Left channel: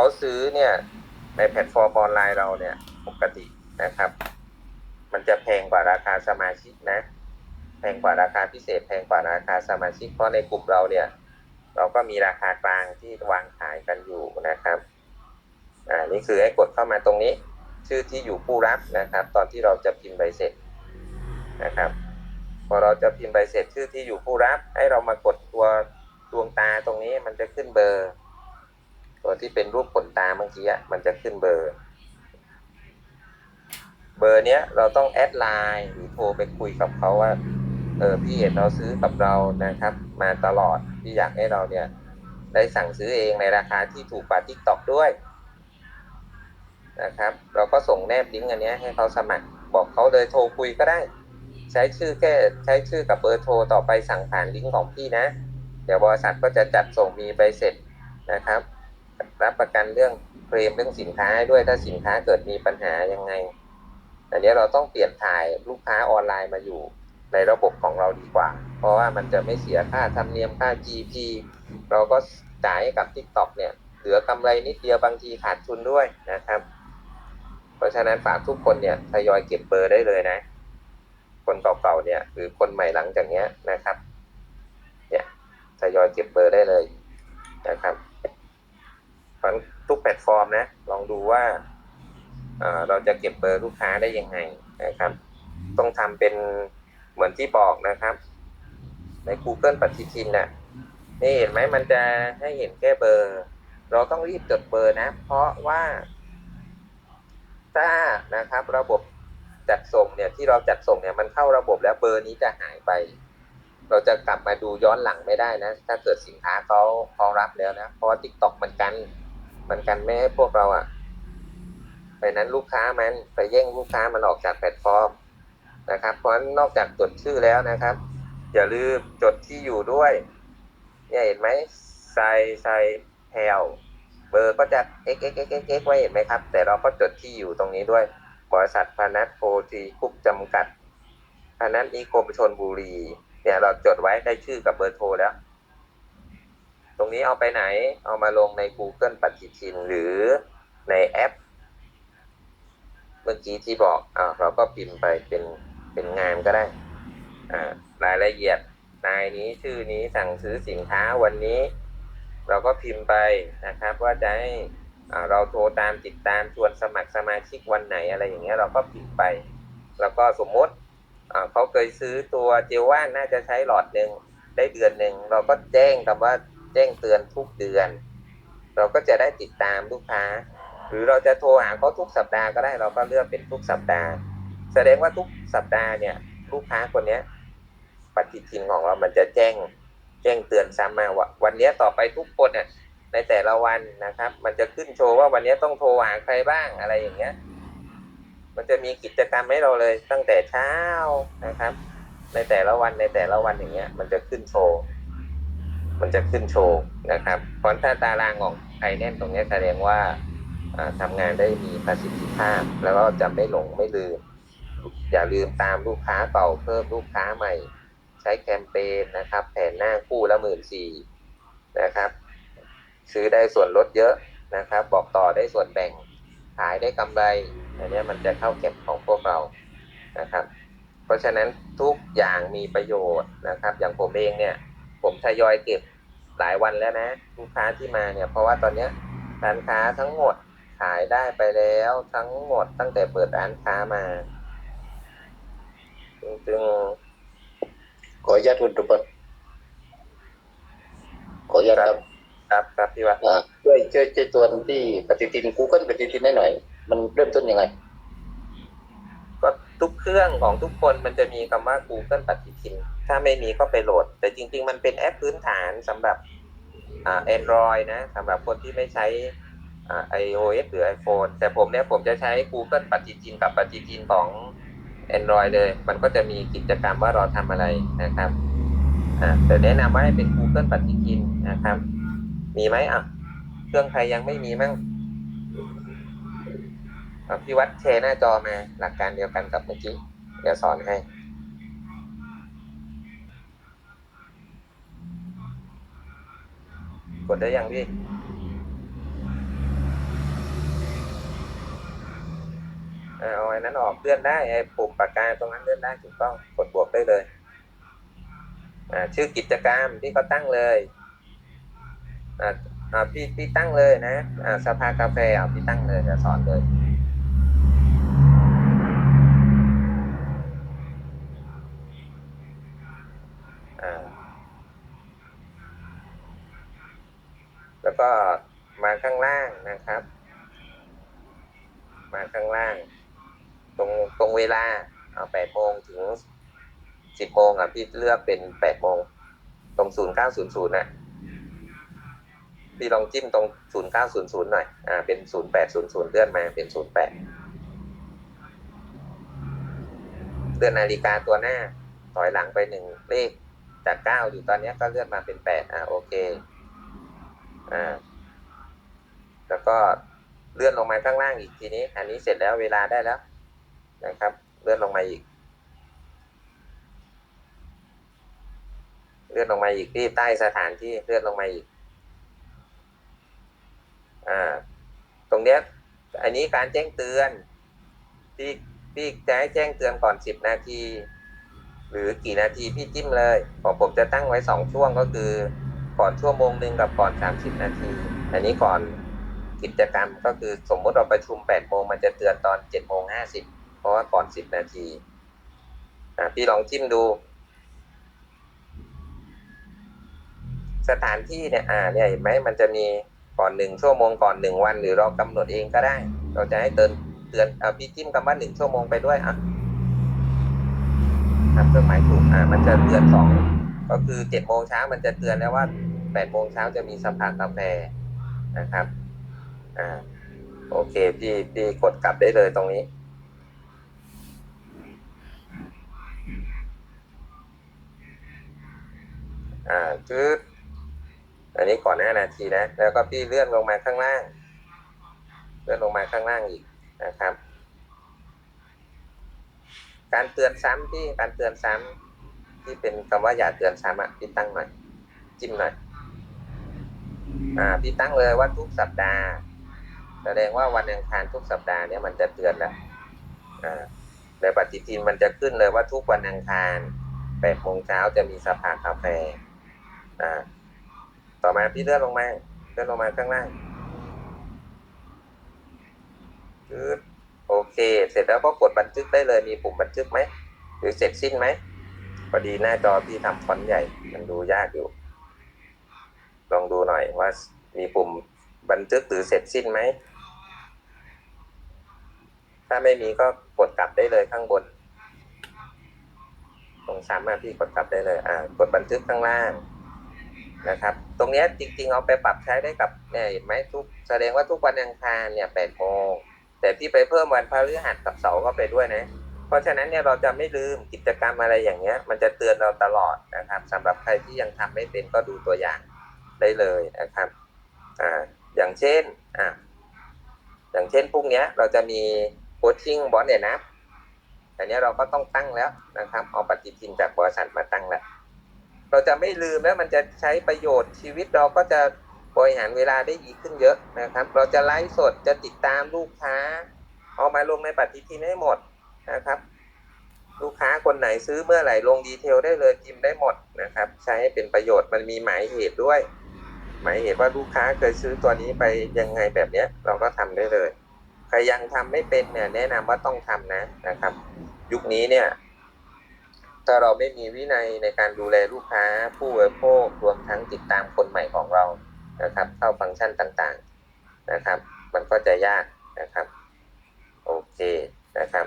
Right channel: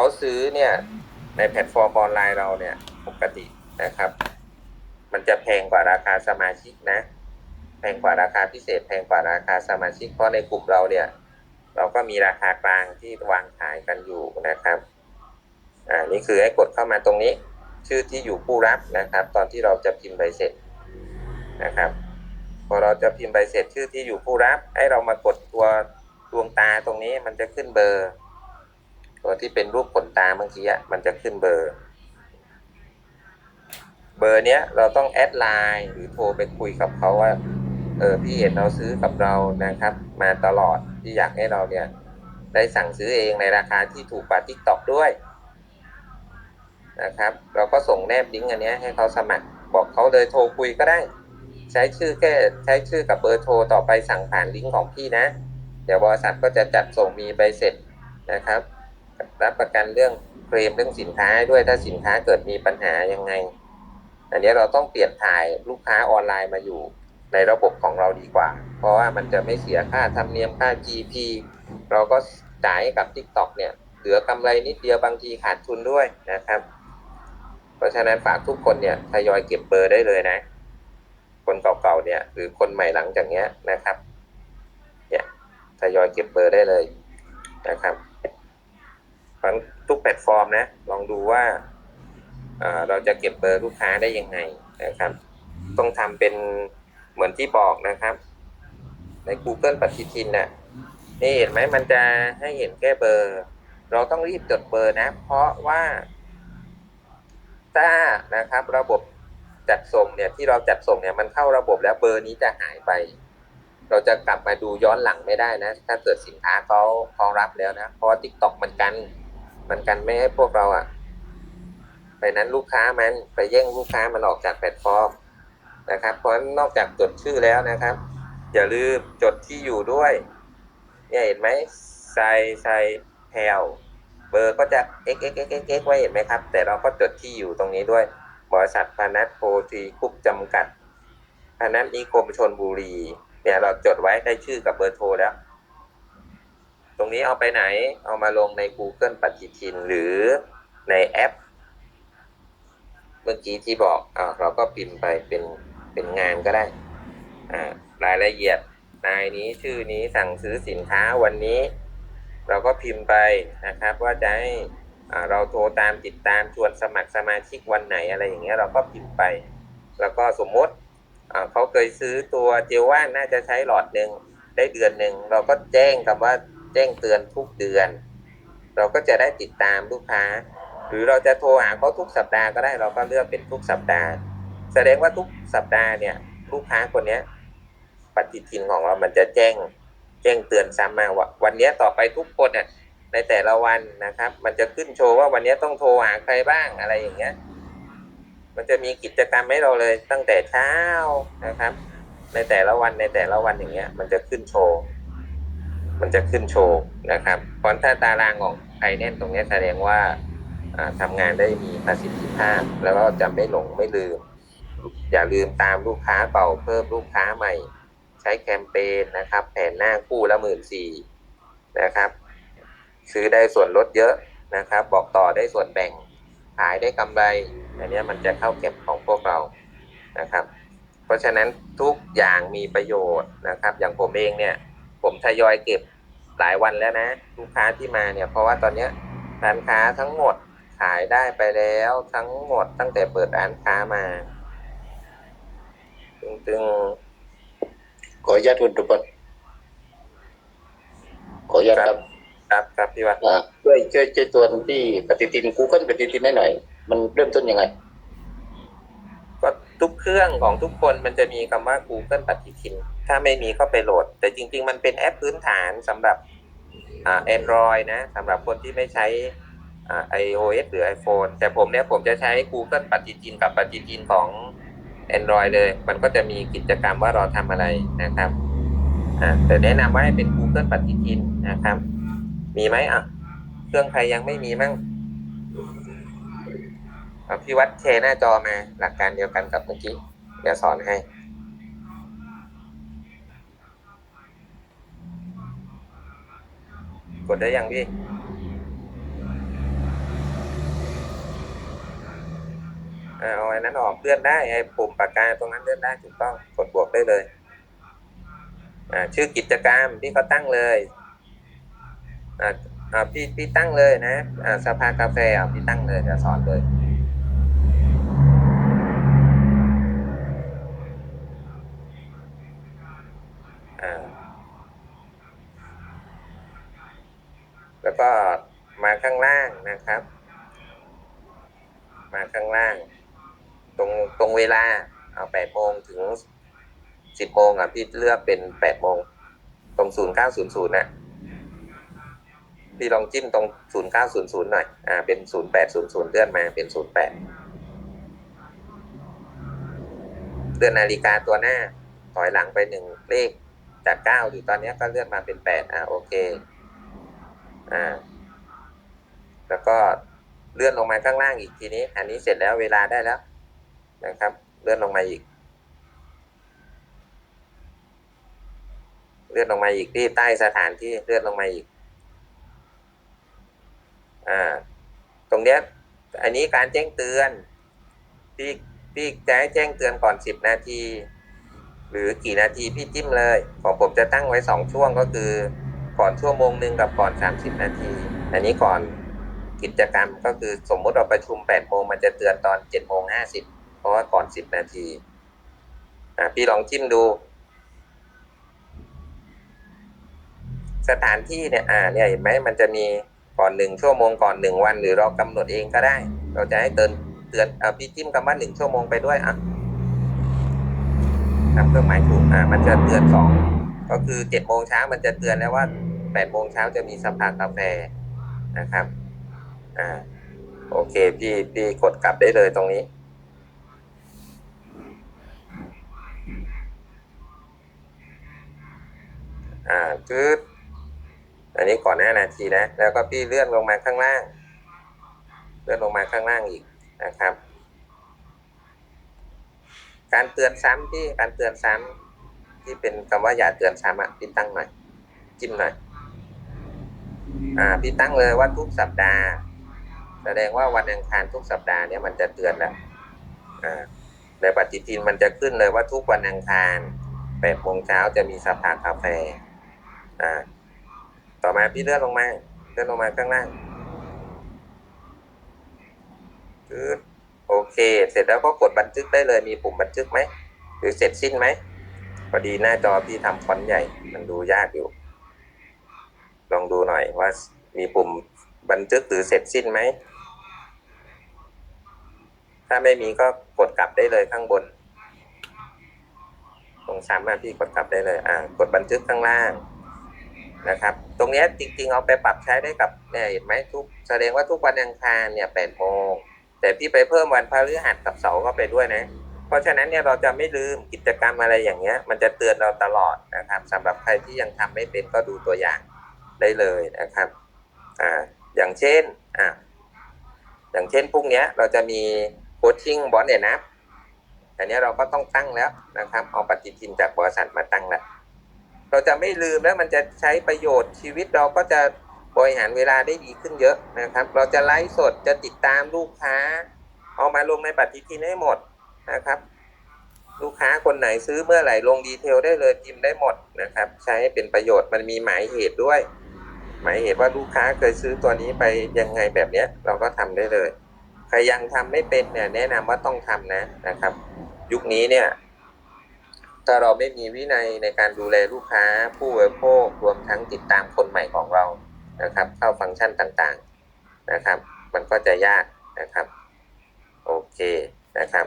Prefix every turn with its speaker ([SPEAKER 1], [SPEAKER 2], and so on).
[SPEAKER 1] เขาซื้อเนี่ยในแพลตฟอร์มออนไลน์เราเนี่ยปกตินะครับ มันจะแพงกว่าราคาสมาชิกนะ แพงกว่าราคาพิเศษ แพงกว่าราคาสมาชิกเพราะในกลุ่มเราเนี่ย เราก็มีราคากลางที่วางขายกันอยู่นะครับอ่านี่คือให้กดเข้ามาตรงนี้ ชื่อที่อยู่ผู้รับนะครับ ตอนที่เราจะพิมพ์ใบเสร็จนะครับพอเราจะพิมพ์ใบเสร็จชื่อที่อยู่ผู้รับ ให้เรามากดตัวดวงตาตรงนี้มันจะขึ้นเบอร์ ตัวที่เป็นรูปขนตาเมื่อกี้มันจะขึ้นเบอร์ เบอร์เนี้ยเราต้องแอดไลน์หรือโทรไปคุยกับเขาว่าเออพี่เห็นเราซื้อกับเรานะครับ มาตลอดที่อยากให้เราเนี่ย ได้สั่งซื้อเองในราคาที่ถูกกว่าทิกตอกด้วยนะครับ เราก็ส่งแนบลิงก์อันเนี้ยให้เขาสมัครบอกเขาเลยโทรคุยก็ได้ ใช้ชื่อแค่ใช้ชื่อกับเบอร์โทรต่อไปสั่งผ่านลิงก์ของพี่นะ เดี๋ยวบริษัทก็จะจัดส่งมีใบเสร็จนะครับ รับประกันเรื่องเคลมเรื่องสินค้าด้วยถ้าสินค้าเกิดมีปัญหายังไง อันนี้เราต้องเปลี่ยนถ่ายลูกค้าออนไลน์มาอยู่ในระบบของเราดีกว่า เพราะว่ามันจะไม่เสียค่าธรรมเนียมค่า GP เราก็จ่ายให้กับ TikTok เนี่ย เหลือกำไรนิดเดียวบางทีขาดทุนด้วยนะครับ เพราะฉะนั้นฝากทุกคนเนี่ยทยอยเก็บเบอร์ได้เลยนะ คนเก่าๆเนี่ยหรือคนใหม่หลังจากเนี้ยนะครับ เนี่ยทยอยเก็บเบอร์ได้เลยนะครับเพราะฉะนั้นทุกแพลต ฟอร์มนะ ลองดูว่าเราจะเก็บเบอร์ลูกค้าได้ยังไงนะครับ ต้องทำเป็นเหมือนที่บอกนะครับ ใน Google ปฏิทินน่ะนี่เห็นไหมมันจะให้เห็นแค่เบอร์ เราต้องรีบจดเบอร์นะ เพราะว่าถ้านะครับ ระบบจัดส่งเนี่ยที่เราจัดส่งเนี่ยมันเข้าระบบแล้วเบอร์นี้จะหายไป เราจะกลับมาดูย้อนหลังไม่ได้นะ ถ้าเกิดสินค้าเขาเขารับแล้วนะ เพราะว่า TikTok มันกัน มันกันไม่ให้พวกเราอะไปนั้นลูกค้ามันไปแย่งลูกค้ามันออกจากแพลตฟอร์มนะครับ เพราะนอกจากจดชื่อแล้วนะครับ อย่าลืมจดที่อยู่ด้วย เนี่ยเห็นไหมใส่ใส่แพลวเบอร์ก็จะ x x x x x ไว้เห็นไหมครับ แต่เราก็จดที่อยู่ตรงนี้ด้วย บริษัทพานัทโพธีคุปจำกัดพานัทนิคมชนบุรี เนี่ยเราจดไว้ได้ชื่อกับเบอร์โทรแล้ว ตรงนี้เอาไปไหน เอามาลงใน Google ปฏิทินหรือในแอป เมื่อกี้ที่บอกอ่าเราก็พิมพ์ไปเป็นเป็นงานก็ได้อ่ารายละเอียดนายนี้ชื่อนี้สั่งซื้อสินค้าวันนี้ เราก็พิมพ์ไปนะครับ ว่าจะให้อ่าเราโทรตามติดตามชวนสมัครสมาชิกวันไหนอะไรอย่างเงี้ยเราก็พิมพ์ไป แล้วก็สมมติอ่าเขาเคยซื้อตัวเจลว่านน่าจะใช้หลอดหนึ่งได้เดือนหนึ่งเราก็แจ้งคำว่า แจ้งเตือนทุกเดือน เราก็จะได้ติดตามลูกค้า หรือเราจะโทรหาเขาทุกสัปดาห์ก็ได้เราก็เลือกเป็นทุกสัปดาห์ แสดงว่าทุกสัปดาห์เนี่ยลูกค้าคนเนี้ยปฏิทินของเรา มันจะแจ้งแจ้งเตือนซ้ำมาว่าวันนี้ต่อไปทุกคนเนี่ยในแต่ละวันนะครับ มันจะขึ้นโชว์ว่าวันนี้ต้องโทรหาใครบ้างอะไรอย่างเงี้ย มันจะมีกิจกรรมให้เราเลยตั้งแต่เช้านะครับ ในแต่ละวันในแต่ละวันอย่างเงี้ย มันจะขึ้นโชว์ มันจะขึ้นโชว์นะครับเพราะถ้าตารางของไอแน่นตรงนี้แสดงว่าอ่าทำงานได้มีประสิทธิภาพ แล้วก็จะไม่หลงไม่ลืม อย่าลืมตามลูกค้าเก่าเพิ่มลูกค้าใหม่ ใช้แคมเปญนะครับ แผนหน้าคู่ละหมื่นสี่นะครับ ซื้อได้ส่วนลดเยอะนะครับ บอกต่อได้ส่วนแบ่งขายได้กำไรอันนี้มันจะเข้าเก็บของพวกเรานะครับ เพราะฉะนั้นทุกอย่างมีประโยชน์นะครับ อย่างผมเองเนี่ย ผมทยอยเก็บ หลายวันแล้วนะลูกค้าที่มาเนี่ยเพราะว่าตอนเนี้ยร้านค้าทั้งหมดขายได้ไปแล้วทั้งหมดตั้งแต่เปิดร้านค้ามาจึง
[SPEAKER 2] ขออนุญาตคุณตุพจน์ขออนุญาตครับ
[SPEAKER 1] ๆครับครับพี่วัด
[SPEAKER 2] อ่าช่วยช่วยช่วยตัวที่ปฏิทิน Google ปฏิทินให้หน่อย มันเริ่มต้นยังไง
[SPEAKER 1] ก็ทุกเครื่องของทุกคนมันจะมีคำว่า Google ปฏิทิน ถ้าไม่มีก็ไปโหลด แต่จริง ๆ มันเป็นแอปพื้นฐานสำหรับ แอ่า Android นะสำหรับคนที่ไม่ใช้ไอ่า iOS หรือ iPhone แต่ผมเนี่ยผมจะใช้ Google ปฏิทินกับปฏิทินของ Android เลย มันก็จะมีกิจกรรมว่าเราทำอะไรนะครับแต่แนะนำว่าให้เป็น Google ปฏิทินนะครับ มีไหมอะ เครื่องใครยังไม่มีมั่งพี่วัดแชร์หน้าจอมาหลักการเดียวกันกับเมื่อกี้ เดี๋ยวสอนให้ กดได้ยังพี่เอาไอ้นั้นออกเลื่อนได้ไอ้ปุ่มปากกาตรงนั้นเลื่อนได้ถูกต้องกดบวกได้เลยชื่อกิจกรรมพี่เขาตั้งเลยพี่พี่ตั้งเลยนะสภากาแฟพี่ตั้งเลยจะสอนเลย แล้วก็มาข้างล่างนะครับ มาข้างล่าง ตรงตรงเวลาเอาแปดโมงถึงสิบโมงอะพี่เลือกเป็นแปดโมงตรงศูนย์เก้าศูนย์ศูนย์นะพี่ลองจิ้มตรงศูนย์เก้าศูนย์ศูนย์หน่อยอ่าเป็นศูนย์แปดศูนย์ศูนย์เลื่อนมาเป็นศูนย์แปดเลื่อนนาฬิกาตัวหน้าถอยหลังไปหนึ่งเลขจากเก้าอยู่ตอนนี้ก็เลื่อนมาเป็นแปดอ่าโอเค อ่า แล้วก็เลื่อนลงมาข้างล่างอีกทีนี้ อันนี้เสร็จแล้วเวลาได้แล้วนะครับ เลื่อนลงมาอีก เลื่อนลงมาอีกที่ใต้สถานที่เลื่อนลงมาอีก อ่า ตรงเนี้ย อันนี้การแจ้งเตือนพี่พี่จะให้แจ้งเตือนก่อนสิบนาที หรือกี่นาทีพี่จิ้มเลย ของผมจะตั้งไว้สองช่วงก็คือ ก่อนชั่วโมงหนึ่งกับก่อนสามสิบนาที อันนี้ก่อนกิจกรรมก็คือสมมติเราประชุมแปดโมงมันจะเตือนตอนเจ็ดโมงห้าสิบเพราะว่าก่อนสิบนาทีพี่ลองจิ้มดู สถานที่เนี่ยอ่าเนี่ยเห็นไหมมันจะมีก่อนหนึ่งชั่วโมงก่อนหนึ่งวัน หรือเรากำหนดเองก็ได้ เราจะให้เตือนเตือนอพี่จิ้มคำว่าหนึ่งชั่วโมงไปด้วยอะทำเครื่องหมายถูกอ่ามันจะเตือนสองก็คือเจ็ดโมงเช้ามันจะเตือนแล้วว่า แปดโมงเช้าจะมีสภากาแฟนะครับ อ่า โอเค พี่พี่กดกลับได้เลยตรงนี้ อ่าคืออันนี้ก่อนหน้านาทีนะ แล้วก็พี่เลื่อนลงมาข้างล่าง เลื่อนลงมาข้างล่างอีกนะครับ การเตือนซ้ำที่ การเตือนซ้ำที่เป็นคำว่าอย่าเตือนซ้ำอะพี่ตั้งหน่อย จิ้มหน่อย อ่าพี่ตั้งเลยว่าทุกสัปดาห์ แสดงว่าวันอังคารทุกสัปดาห์เนี่ยมันจะเตือนแล้วอ่าในปฏิทินมันจะขึ้นเลยว่าทุกวันอังคารแปดโมงเช้าจะมีสภากาแฟอ่าต่อมาพี่เลื่อนลงมาเลื่อนลงมาข้างล่างคือโอเค เสร็จแล้วก็กดบันทึกได้เลยมีปุ่มบันทึกไหม หรือเสร็จสิ้นไหมพอดีหน้าจอพี่ทำฟอนต์ใหญ่ มันดูยากอยู่ ลองดูหน่อยว่ามีปุ่มบันทึกหรือเสร็จสิ้นไหม ถ้าไม่มีก็กดกลับได้เลยข้างบน ตรงซ้ำมาพี่กดกลับได้เลย อ่า กดบันทึกข้างล่างนะครับ ตรงนี้จริงๆเอาไปปรับใช้ได้กับเนี่ยเห็นไหมทุกแสดงว่าทุกวันอังคารเนี่ยแปดโมงแต่พี่ไปเพิ่มวันพฤหัสกับเสาร์เข้าไปด้วยนะ เพราะฉะนั้นเนี่ยเราจะไม่ลืมกิจกรรมอะไรอย่างเงี้ย มันจะเตือนเราตลอดนะครับสำหรับใครที่ยังทำไม่เป็นก็ดูตัวอย่าง ได้เลยนะครับอ่าอย่างเช่นอ่าอย่างเช่นพรุ่งเนี้ยเราจะมีโคชชิ่งบอลเนี่ยนะแต่เนี้ยเราก็ต้องตั้งแล้วนะครับ เอาปฏิทินจากบริษัทมาตั้งแล้วเราจะไม่ลืมแล้วมันจะใช้ประโยชน์ชีวิตเราก็จะบริหารเวลาได้ดีขึ้นเยอะนะครับ เราจะไลฟ์สดจะติดตามลูกค้า เอามาลงในปฏิทินให้หมดนะครับ ลูกค้าคนไหนซื้อเมื่อไหร่ลงดีเทลได้เลยพิมพ์ได้หมดนะครับ ใช้เป็นประโยชน์มันมีหมายเหตุด้วย หมายเหตุว่าลูกค้าเคยซื้อตัวนี้ไปยังไงแบบเนี้ย เราก็ทำได้เลยใครยังทำไม่เป็นเนี่ยแนะนำว่าต้องทำนะนะครับ ยุคนี้เนี่ย ถ้าเราไม่มีวินัยในการดูแลลูกค้า ผู้บริโภครวมทั้งติดตามคนใหม่ของเรานะครับ เข้าฟังก์ชันต่างๆนะครับ มันก็จะยากนะครับ โอเคนะครับ